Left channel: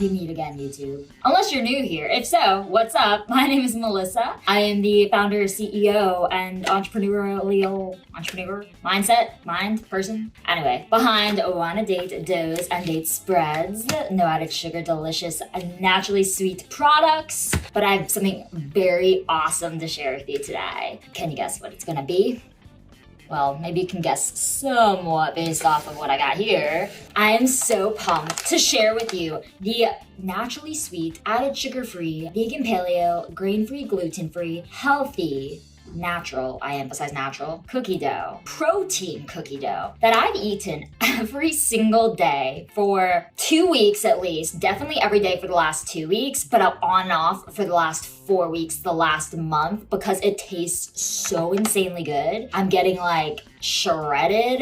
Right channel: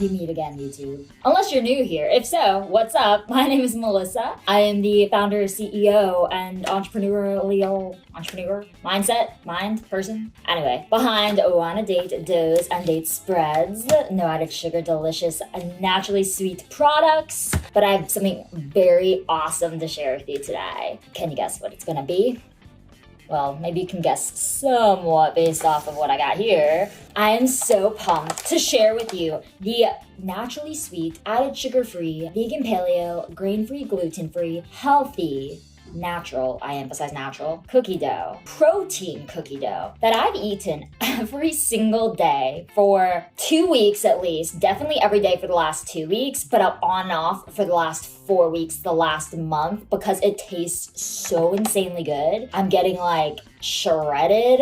We meet again, YouTube. Unless you're new here. If so, what's up? My name is Melissa. I am the founder, CEO, and entrepreneur person. Anyway, behind Wanna Date Doughs and Date Spreads, no added sugar, delicious, and naturally sweet products. But I have something very awesome to share with you today. Can you guess what it's gonna be? Well, maybe you can guess somewhat based off of what I got here. I am so pumped to share with you the naturally sweet, added sugar-free, vegan paleo, grain-free, gluten-free, healthy, natural, I emphasize natural, cookie dough, protein cookie dough that I've eaten every single day for 2 weeks at least, definitely every day for the last 2 weeks, but on and off for the last 4 weeks, the last month, because it tastes so insanely good. I'm getting like shredded,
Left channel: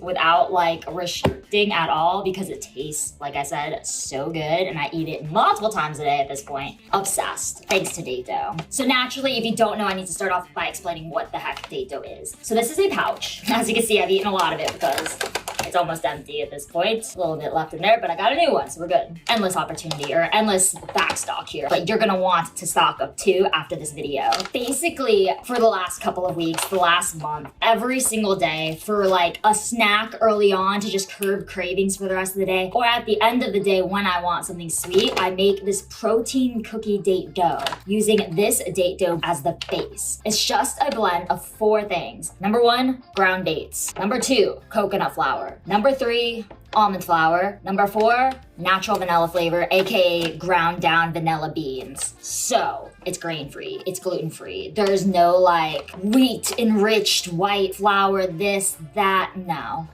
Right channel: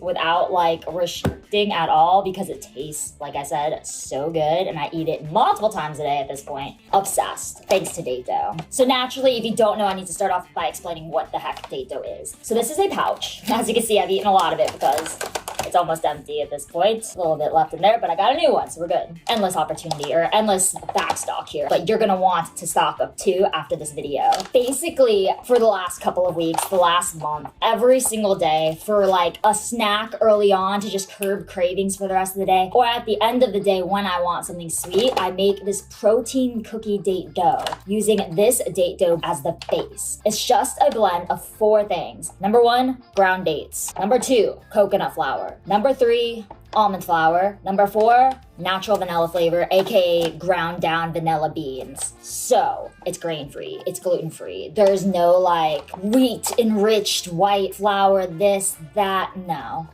without like restricting at all, because it tastes, like I said, so good, and I eat it multiple times a day at this point. Obsessed, thanks to date dough. So naturally, if you don't know, I need to start off by explaining what the heck date dough is. So this is a pouch. As you can see, I've eaten a lot of it because it's almost empty at this point. A little bit left in there, but I got a new one, so we're good. Endless opportunity, or endless back stock here, but you're gonna want to stock up too after this video. Basically, for the last couple of weeks, the last month, every single day for like a snack early on to just curb cravings for the rest of the day, or at the end of the day when I want something sweet, I make this protein cookie date dough using this date dough as the base. It's just a blend of 4 things. Number 1, ground dates. Number 2, coconut flour. Number 3, almond flour. Number 4, natural vanilla flavor, aka ground down vanilla beans. So it's grain-free, it's gluten-free. There's no like wheat enriched white flour, this, that, no.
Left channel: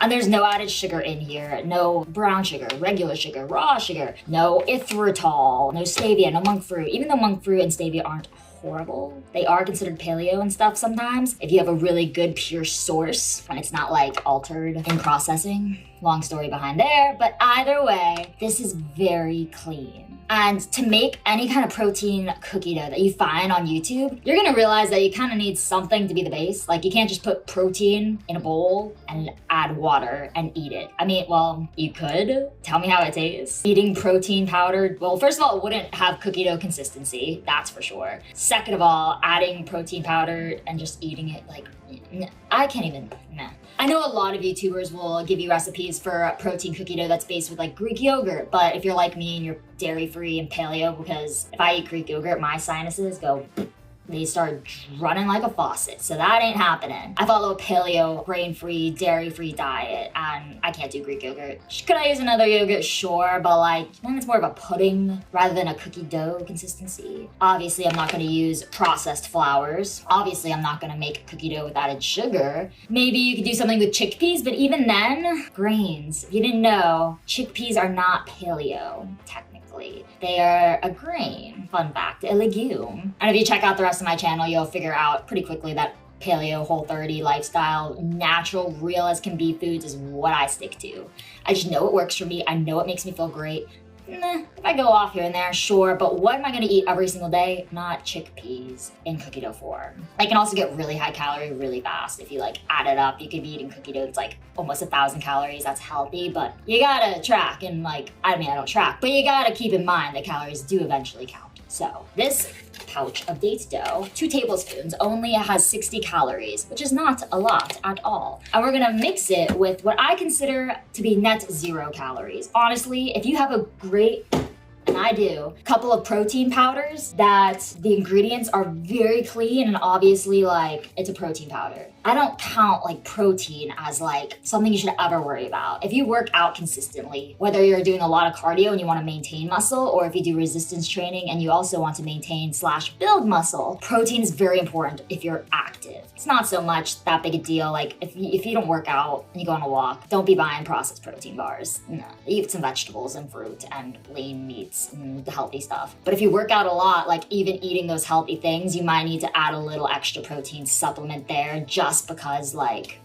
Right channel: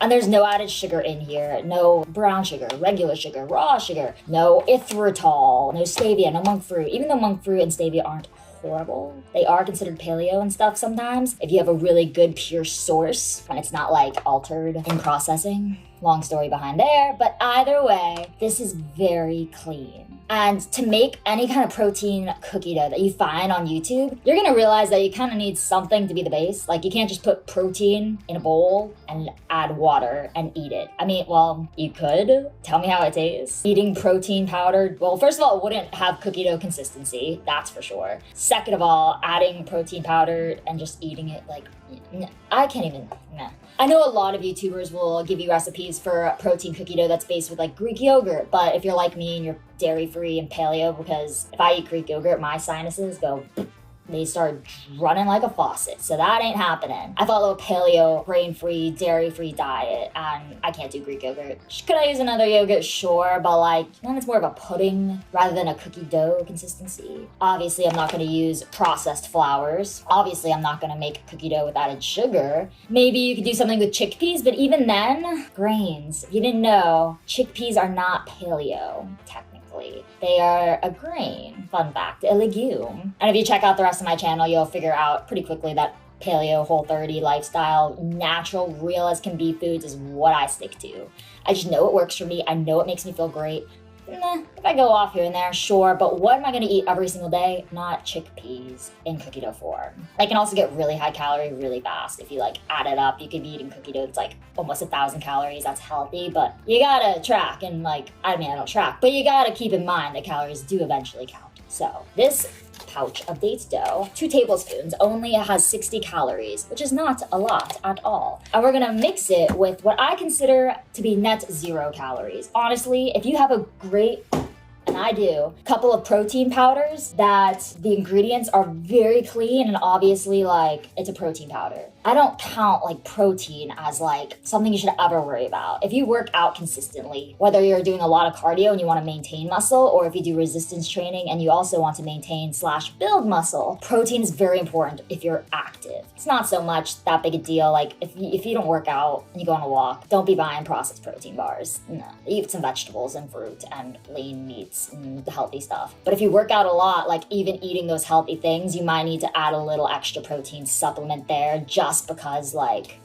And there's no added sugar in here, no brown sugar, regular sugar, raw sugar, no erythritol, no stevia, no monk fruit. Even though monk fruit and stevia aren't horrible, they are considered paleo and stuff sometimes if you have a really good pure source and it's not like altered in processing. Long story behind there, but either way, this is very clean. And to make any kind of protein cookie dough that you find on YouTube, you're gonna realize that you kind of need something to be the base. Like you can't just put protein in a bowl and add water and eat it. I mean, well, you could. Tell me how it tastes. Eating protein powder, well, first of all, it wouldn't have cookie dough consistency, that's for sure. Second of all, adding protein powder and just eating it, like, I can't even, nah. I know a lot of YouTubers will give you recipes for protein cookie dough that's based with like Greek yogurt, but if you're like me and you're dairy-free and paleo, because if I eat Greek yogurt, my sinuses go, they start running like a faucet, so that ain't happening. I follow a paleo, grain-free, dairy-free diet, and I can't do Greek yogurt. Could I use another yogurt? Sure, but like, then it's more of a pudding rather than a cookie dough consistency. Obviously, I'm not gonna use processed flours. Obviously, I'm not gonna make cookie dough with added sugar. Maybe you could do something with chickpeas, but even then, grains. If you didn't know, chickpeas are not paleo, technically. They are a grain. Fun fact, a legume. And if you check out the rest of my channel, you'll figure out pretty quickly that paleo, Whole30 lifestyle, natural, real as can be foods is what I stick to. I just know it works for me. I know it makes me feel great. If I go off here and there, sure, but what am I gonna eat every single day? Not chickpeas in cookie dough form. They can also get really high calorie really fast. If you like add it up, you could be eating cookie dough that's like almost 1,000 calories. That's healthy, but you gotta track and like, I mean, I don't track, but you gotta keep in mind that calories do eventually count. So this pouch of date dough, 2 tablespoons, only has 60 calories, which is not a lot at all. And we're gonna mix it with what I consider to be net 0 calories. Honestly, if you have a great, and I do, couple of protein powders that the ingredients are very clean and obviously like it's a protein powder. I don't count like protein as like something you should ever worry about. If you work out consistently, whether you're doing a lot of cardio and you want to maintain muscle, or if you do resistance training and you also want to maintain / build muscle, protein is very important if you're active. It's not so much that big a deal. Like if you don't work out and you go on a walk, don't be buying processed protein bars. No, eat some vegetables and fruit and lean meats and the healthy stuff. But if you work out a lot, like even eating those healthy things, you might need to add a little extra protein supplement there just because like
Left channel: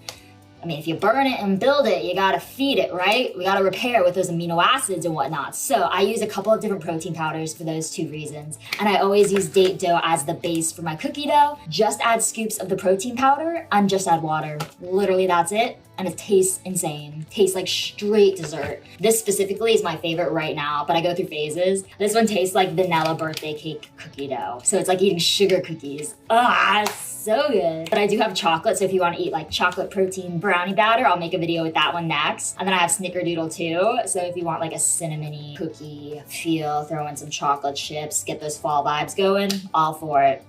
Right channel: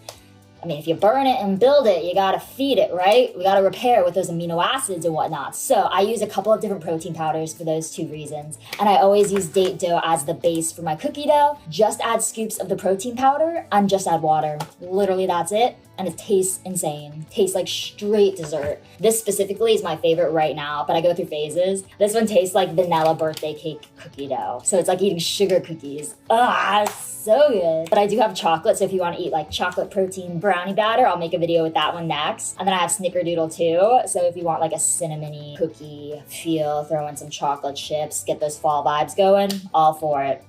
I mean, if you burn it and build it, you gotta feed it, right? We gotta repair with those amino acids and whatnot. So I use a couple of different protein powders for those two reasons. And I always use date dough as the base for my cookie dough. Just add scoops of the protein powder and just add water. Literally, that's it. And it tastes insane. Tastes like straight dessert. This specifically is my favorite right now, but I go through phases. This one tastes like vanilla birthday cake cookie dough. So it's like eating sugar cookies. Ah, it's so good. But I do have chocolate, so if you want to eat like chocolate protein brownie batter, I'll make a video with that one next. And then I have snickerdoodle too. So if you want like a cinnamony cookie feel, throw in some chocolate chips, get those fall vibes going, all for it,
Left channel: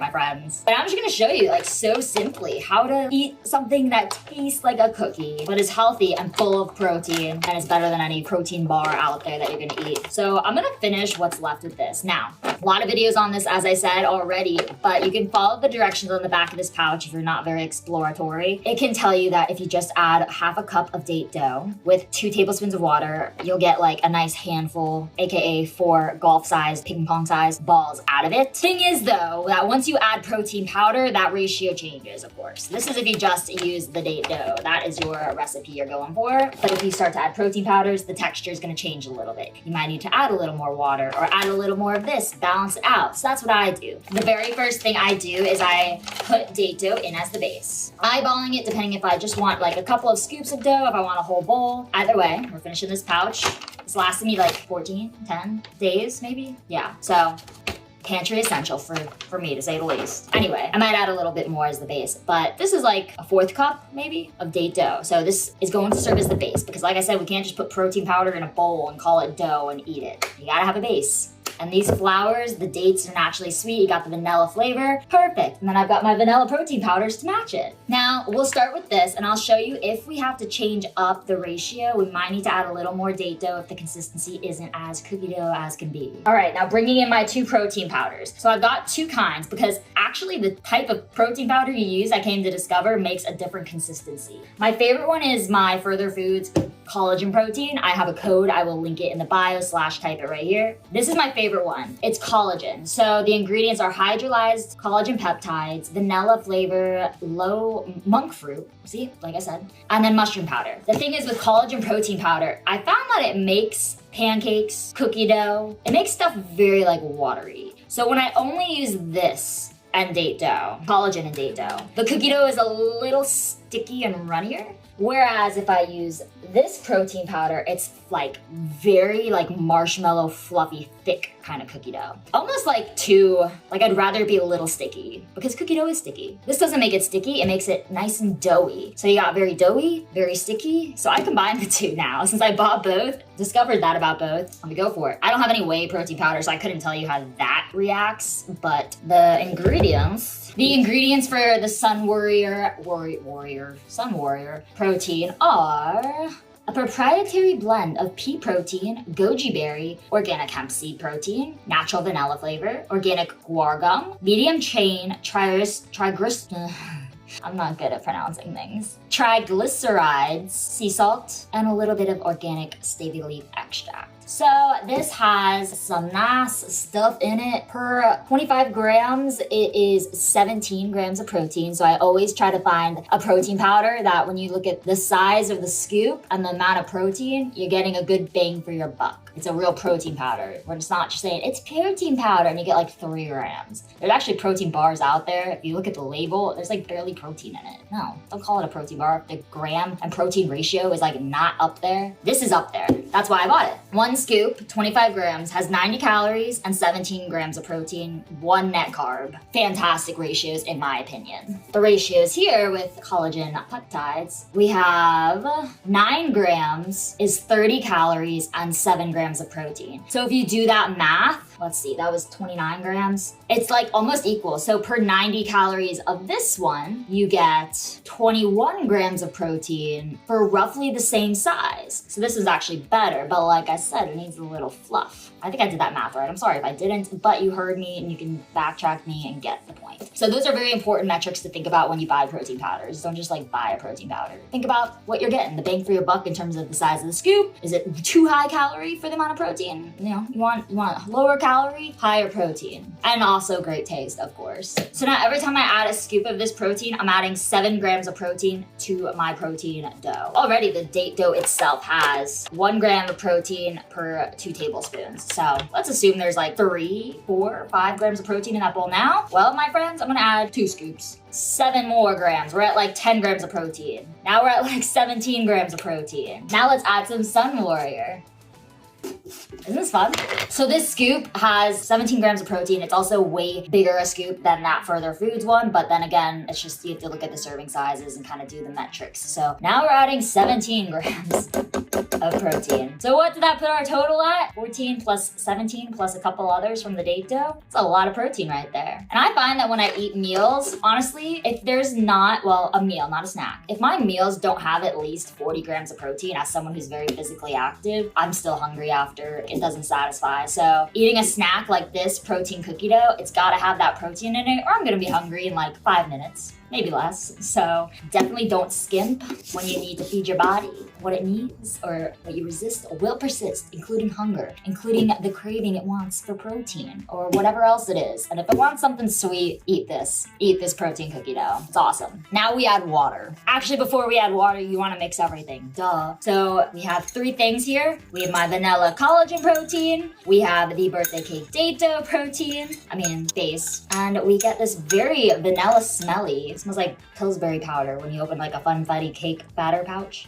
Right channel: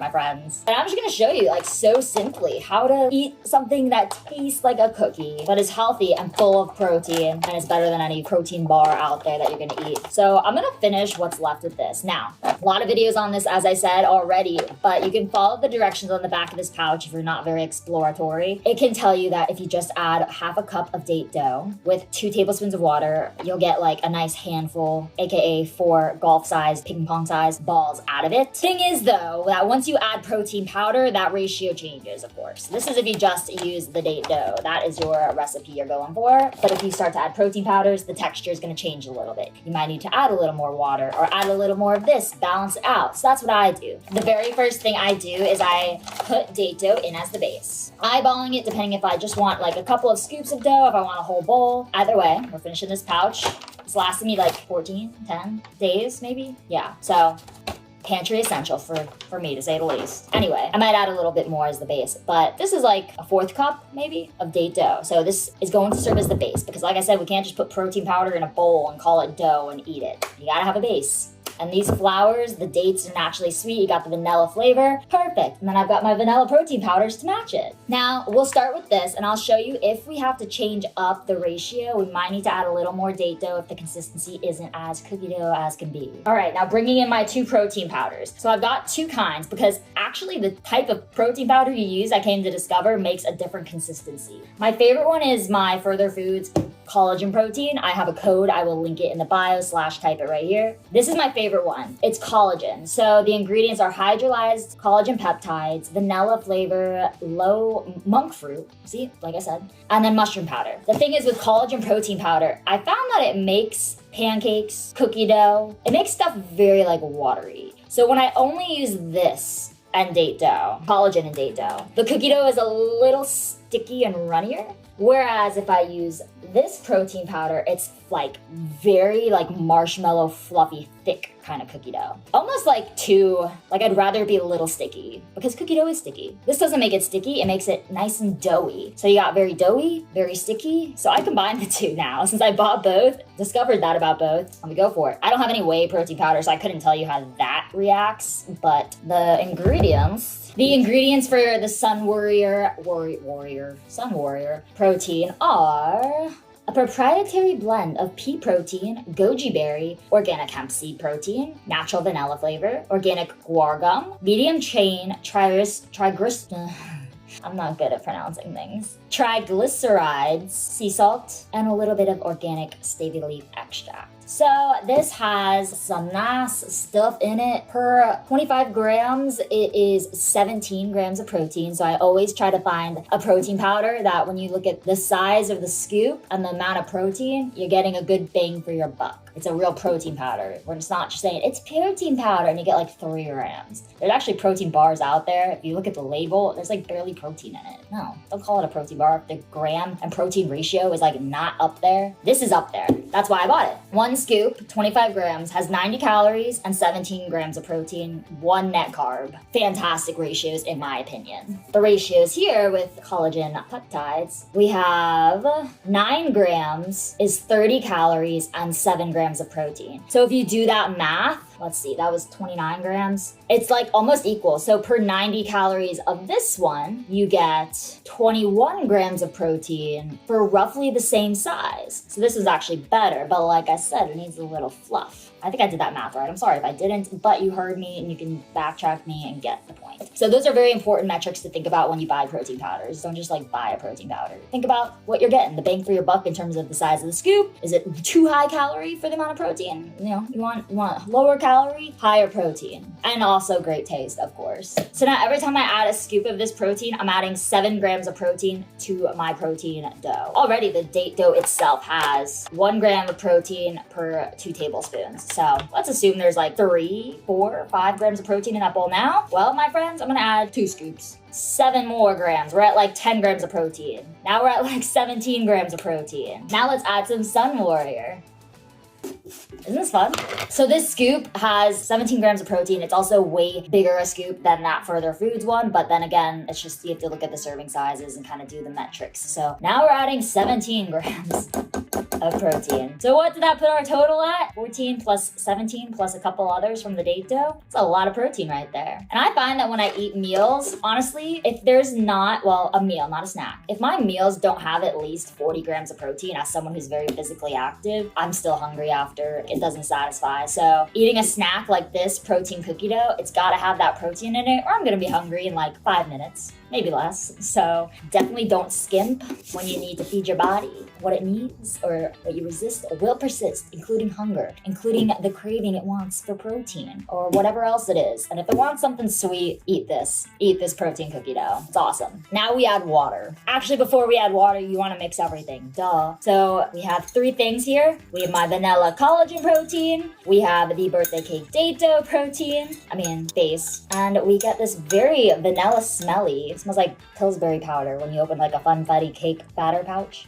my friends. And I'm just gonna show you like so simply how to eat something that tastes like a cookie, but is healthy and full of protein, and is better than any protein bar out there that you're gonna eat. So I'm gonna finish what's left with this. Now, a lot of videos on this, as I said already, but you can follow the directions on the back of this pouch if you're not very exploratory. It can tell you that if you just add half a cup of date dough with 2 tablespoons of water, you'll get like a nice handful, aka 4 golf size, ping pong size balls out of it. Thing is though, that once you add protein powder, that ratio changes, of course. This is if you just use the date dough. That is your recipe you're going for. But if you start to add protein powders, the texture is going to change a little bit. You might need to add a little more water or add a little more of this, balance it out. So that's what I do. The very first thing I do is I put date dough in as the base. Eyeballing it depending if I just want like a couple of scoops of dough, if I want a whole bowl. Either way, we're finishing this pouch. It's lasted me like 10 days maybe. Yeah, so pantry essential for me, to say the least. Anyway, I might add a little bit more as the base, but this is like a 4th cup maybe of date dough. So this is going to serve as the base because like I said, we can't just put protein powder in a bowl and call it dough and eat it. You gotta have a base. And these flours, the dates are naturally sweet. You got the vanilla flavor, perfect. And then I've got my vanilla protein powders to match it. Now we'll start with this and I'll show you if we have to change up the ratio, we might need to add a little more date dough if the consistency isn't as cookie dough as can be. All right, now bringing in my 2 protein powders. So I've got 2 kinds because actually the type of protein powder you use, I came to discover, makes a different consistency. My favorite one is my Further Foods collagen protein. I have a code, I will link it in the bio / type it right here. This is my favorite one. It's collagen. So the ingredients are hydrolyzed collagen peptides, vanilla flavor, low monk fruit, see, like I said, and then mushroom powder. The thing is with collagen protein powder, I found that it makes pancakes, cookie dough, it makes stuff very like watery. So when I only use this and date dough, collagen and date dough, the cookie dough is a little sticky and runnier. Whereas if I use this protein powder, it's like very like marshmallow, fluffy, thick kind of cookie dough. Almost like I'd rather be a little sticky because cookie dough is sticky. This doesn't make it sticky, it makes it nice and doughy. So you got very doughy, very sticky. So I combined the two now. Since I bought both, discovered that about both, let me go for it. I don't have any whey protein powder, so I couldn't tell you how that reacts, but the ingredients for the Sun Warrior protein are a proprietary blend of pea protein, goji berry, organic hemp seed protein, natural vanilla flavor, organic guar gum, medium chain I'm not good at pronouncing things. Triglycerides, sea salt, and a little bit of organic stevia leaf extract. So this has some nice stuff in it. Per 25 grams, it is 17 grams of protein. So I always try to find a protein powder that when you look at the size of the scoop and the amount of protein, you're getting a good bang for your buck. It's a real protein powder. We're just not just saying it's protein powder and you get like 3 grams. There's actually protein bars out there. If you look at the label, there's like barely protein in it. No, don't call it a protein bar. The gram and protein ratio is like not up there. This is up there. That's why I bought it. 1 scoop, 25 grams, has 90 calories and 17 grams of protein, 1 net carb. Fantastic ratios in my opinion. The ratios here with collagen peptides, we have 9 grams is 30 calories and 7 grams of protein. So if you do that math, let's see, that was 29 grams. It's like almost equal. So per 90 calories of this one, you get 21 grams of protein for roughly the same size. So this is actually better, but like I said, it needs a little fluff. I think I did that math right. I'm sorry if I didn't, but you heard me and you can backtrack me and get the point. So those are very important metrics to think about when you buy protein powders. Don't just like buy a protein powder. Think about what you're getting, the bang for your buck in terms of the size of the scoop. Is it too high calorie for the amount of protein? You know, you want lower calorie calorie, higher protein, and also great taste, of course. So now every time I add a scoop of this protein, I'm adding 7 grams of protein to my protein dough. Already the date dough itself has 1 gram of protein per 2 tablespoons. So let's assume there's like 3, 4, 5 grams of protein in that bowl now. Well, my friends, I'm gonna add 2 scoops. 7 more grams. We're at like 10 grams of protein. Now we're at like 17 grams of protein. Now let's add some Sun Warrior. Isn't this fun? So this scoop has 17 grams of protein. It's also way bigger a scoop than that Further Foods one, but then again, it's just you have to look at the serving sizes and kind of do the metrics. So now we're adding 17 grams of protein. So what did that put our total at? 14 plus 17 plus a couple others from the date dough. It's a lot of protein right there. And I find that when I eat meals, honestly, if there's not, well, a meal, not a snack. If my meals don't have at least 40 grams of protein, as someone who's very physically active, I'm still hungry after. It doesn't satisfy. So eating a snack like this protein cookie dough, it's gotta have that protein in it or I'm gonna be hungry in like 5 minutes. Maybe less. So definitely don't skimp when you need to feed your body what it needs or what you resist or will persist, including hunger, including the craving it wants for protein or whatever else it is. And if it wants something sweet, eat this. Eat this protein cookie dough. It's awesome. Now we add water. Actually, before we add water, you want to mix everything. Duh. So we have 3 things here. We have my vanilla collagen protein. We have the birthday cake date dough protein. Base. And we get this very vanilla smelly. It smells like Pillsbury powder when you open like a Funfetti cake batter pouch.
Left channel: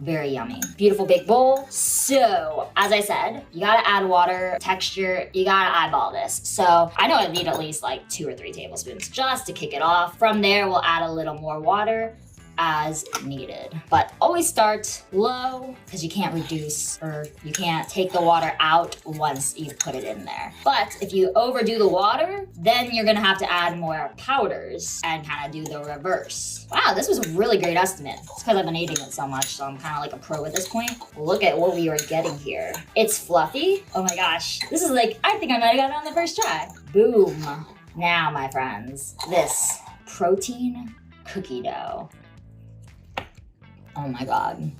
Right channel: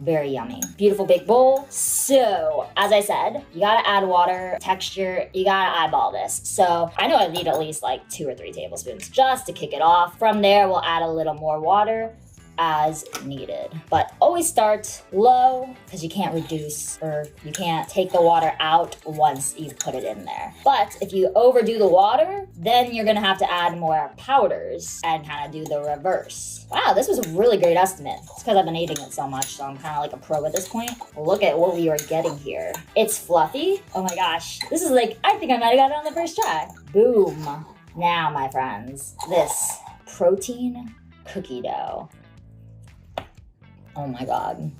Very yummy. Beautiful big bowl. So, as I said, you gotta add water, texture, you gotta eyeball this. So, I know I need at least like 2 or 3 tablespoons just to kick it off. From there, we'll add a little more water as needed. But always start low because you can't reduce or you can't take the water out once you've put it in there. But if you overdo the water, then you're gonna have to add more powders and kind of do the reverse. Wow, this was a really great estimate. It's because I've been eating it so much, so I'm kind of like a pro at this point. Look at what we were getting here. It's fluffy. Oh my gosh. This is like, I think I might have got it on the first try. Boom. Now, my friends, this protein cookie dough. Oh my God.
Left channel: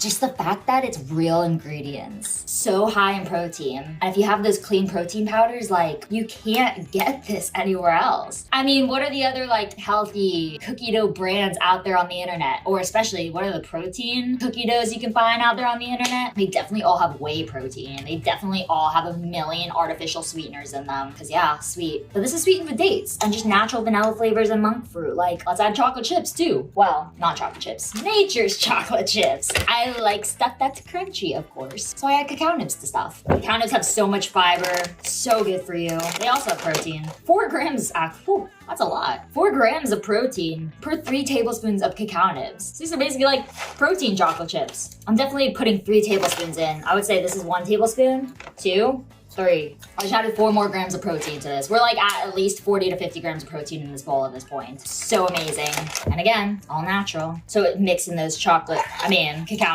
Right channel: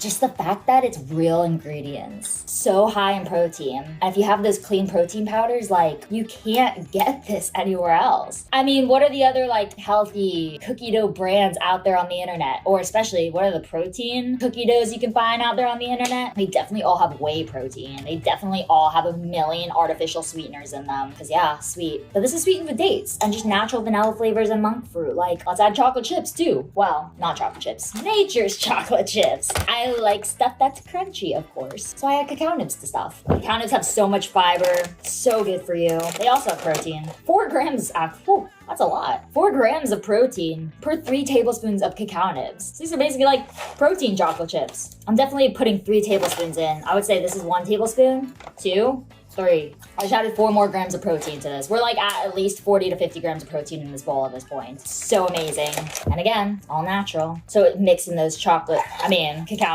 Just the fact that it's real ingredients, so high in protein. And if you have those clean protein powders, like you can't get this anywhere else. What are the other like healthy cookie dough brands out there on the internet? Or especially what are the protein cookie doughs you can find out there on the internet? They definitely all have whey protein. They definitely all have 1,000,000 artificial sweeteners in them. Cause yeah, sweet. But this is sweetened with dates and just natural vanilla flavors and monk fruit. Like let's add chocolate chips too. Well, not chocolate chips, nature's chocolate chips. I like stuff that's crunchy, of course. So I add cacao nibs to stuff. Cacao nibs have so much fiber, so good for you. They also have protein. 4 grams, that's a lot. 4 grams of protein per 3 tablespoons of cacao nibs. So these are basically like protein chocolate chips. I'm definitely putting 3 tablespoons in. I would say this is 1 tablespoon, 2, 3. I just added 4 more grams of protein to this. We're like at least 40 to 50 grams of protein in this bowl at this point. So amazing. And again, all natural. So mixing those cacao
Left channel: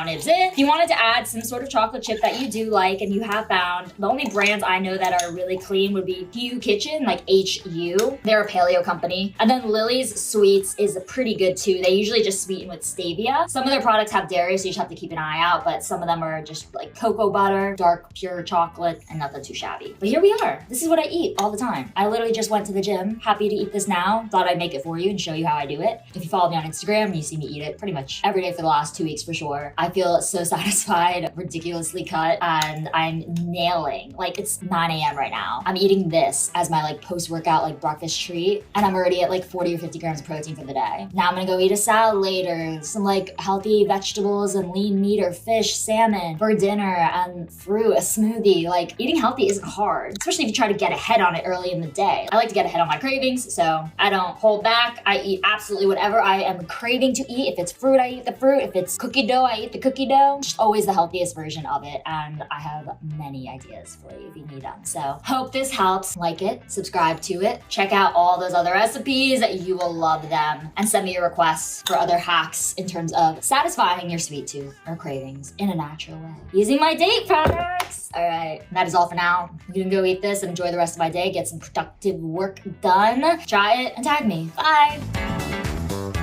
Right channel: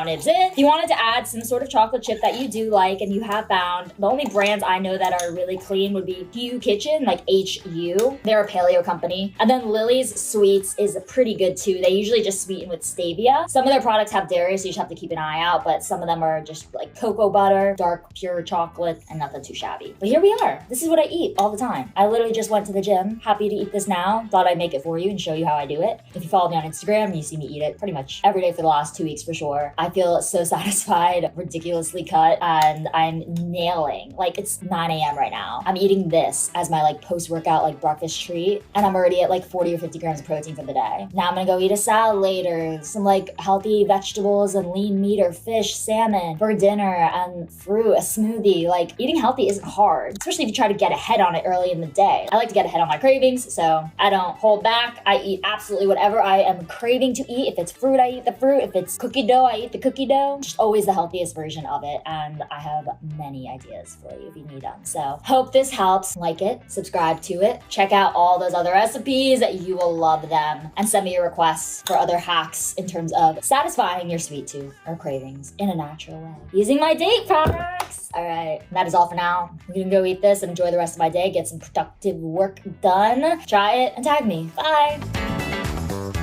nibs in. If you wanted to add some sort of chocolate chip that you do like and you have found, the only brands I know that are really clean would be HU Kitchen, like HU. They're a paleo company. And then Lily's Sweets is pretty good too. They usually just sweeten with stevia. Some of their products have dairy, so you just have to keep an eye out, but some of them are just like cocoa butter, dark pure chocolate, and nothing too shabby. But here we are. This is what I eat all the time. I literally just went to the gym. Happy to eat this now. Thought I'd make it for you and show you how I do it. If you follow me on Instagram, you see me eat it pretty much every day for the last 2 weeks for sure. I feel so satisfied, ridiculously cut, and I'm nailing. Like it's 9 a.m. right now. I'm eating this as my like post-workout like breakfast treat, and I'm already at like 40 or 50 grams of protein for the day. Now I'm gonna go eat a salad later, some like healthy vegetables and lean meat or fish, salmon for dinner, and fruit, a smoothie. Like eating healthy isn't hard, especially if you try to get ahead on it early in the day. I like to get ahead on my cravings, so I don't hold back. I eat absolutely whatever I am craving to eat. If it's fruit, I eat the fruit. If it's cookie dough, I eat the cookie dough. Just always the healthiest version of it, and I have many ideas for you if you need them. So hope this helps. Like it, subscribe to it, check out all those other recipes. You will love them, and send me your requests for other hacks in terms of satisfying your sweet tooth or cravings in a natural way using my date products. All right, that is all for now. I'm gonna go eat this and enjoy the rest of my day, get some productive work done. Try it and tag me. Bye.